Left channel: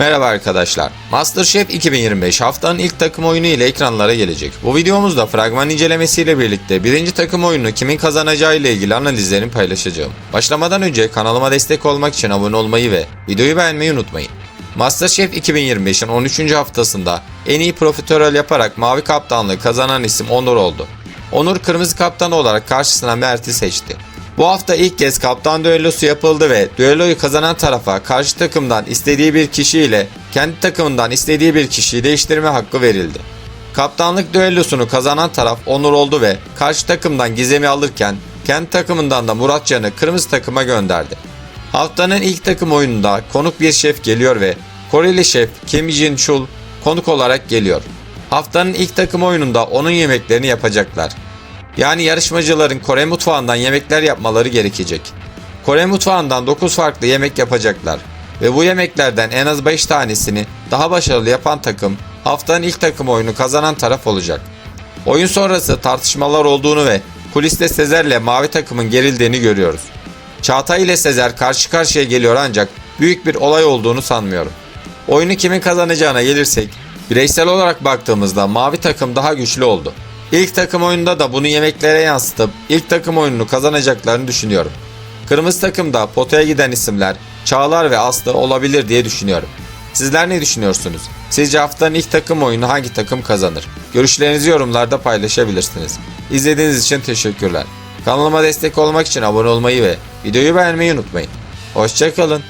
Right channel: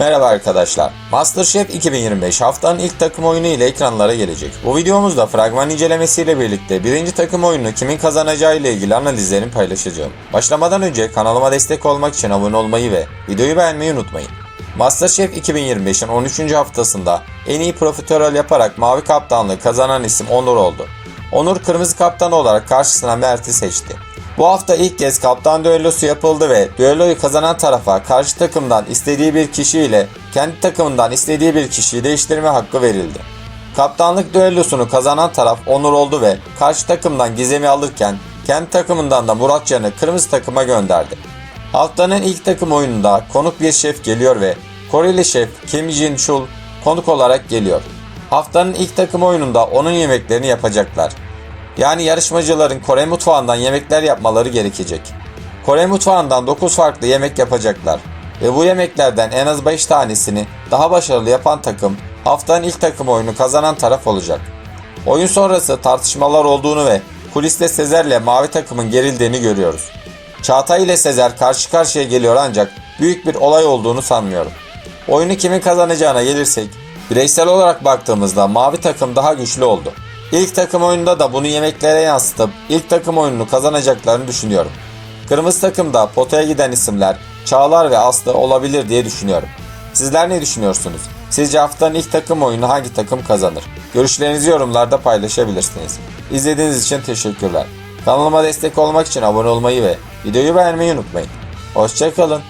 Merhaba arkadaşlar. MasterChef 2025 haftanın ilk takım oyunu ile ekranlara gelecek. Bu videomuzda fragman incelemesiyle birlikte birinci takım oyunu kimin kazanacağı ile ilgili analizlerimi paylaşacağım. Başlamadan önce kanalıma destek olmak için abone olmayı ve videoyu beğenmeyi unutmayın. MasterChef 2025'in 13. haftasında en iyi profiterol yaparak mavi kaptanlığı kazanan isim Onur oldu. Onur kırmızı kaptan olarak karşısına Mert'i seçti. Bu hafta ilk kez kaptan düellosu yapıldı ve düelloyu kazanan tarafa karşı takımdan istediği bir kişiyle kendi takımından istediği bir kişiyi değiştirme hakkı verildi. Kaptanlık düellosunu kazanan taraf Onur oldu ve karşı takımdan Gizem'i alırken kendi takımından da Muratcan'ı kırmızı takıma gönderdi. Haftanın ilk takım oyununda konuk bir şef geliyor ve Koreli şef Kim Jin Chul konuk olarak geliyor. Haftanın ilk takım oyununda onun yemeklerini yapacaklar. Yani yarışmacıların Kore mutfağından yemekler yapmaları gerekecek. Kore mutfağından 9 farklı yemek yapacaklar ve bu yemeklerden en az 5 tanesini daha başarılı yapan takım haftanın ilk takım oyunu kazanan taraf olacak. Oyun sonrası tartışmalar olduğunu ve kuliste Sezer'le mavi takımın gerildiğini görüyoruz. Çağatay ile Sezer karşı karşıya geliyor ancak büyük bir olay olduğunu sanmıyorum. Oyunu kimin kazanacağına gelirsek, bireysel olarak baktığımızda mavi takım daha güçlü oldu. İlk takım oyununda da bunu yemeklere yansıtıp ilk takım oyununu kazanacaklarını düşünüyorum. Kırmızı takımda potaya giden isimler Çağlar ve Aslı olabilir diye düşünüyorum. Sizler ne düşünüyorsunuz? Sizce haftanın ilk takım oyunu hangi takım kazanır? Görüşlerinizi yorumlarda paylaşabilirsiniz. İzlediğiniz için teşekkürler. Kanalıma destek olmak için abone olmayı ve videoyu beğenmeyi unutmayın. Hoşçakalın.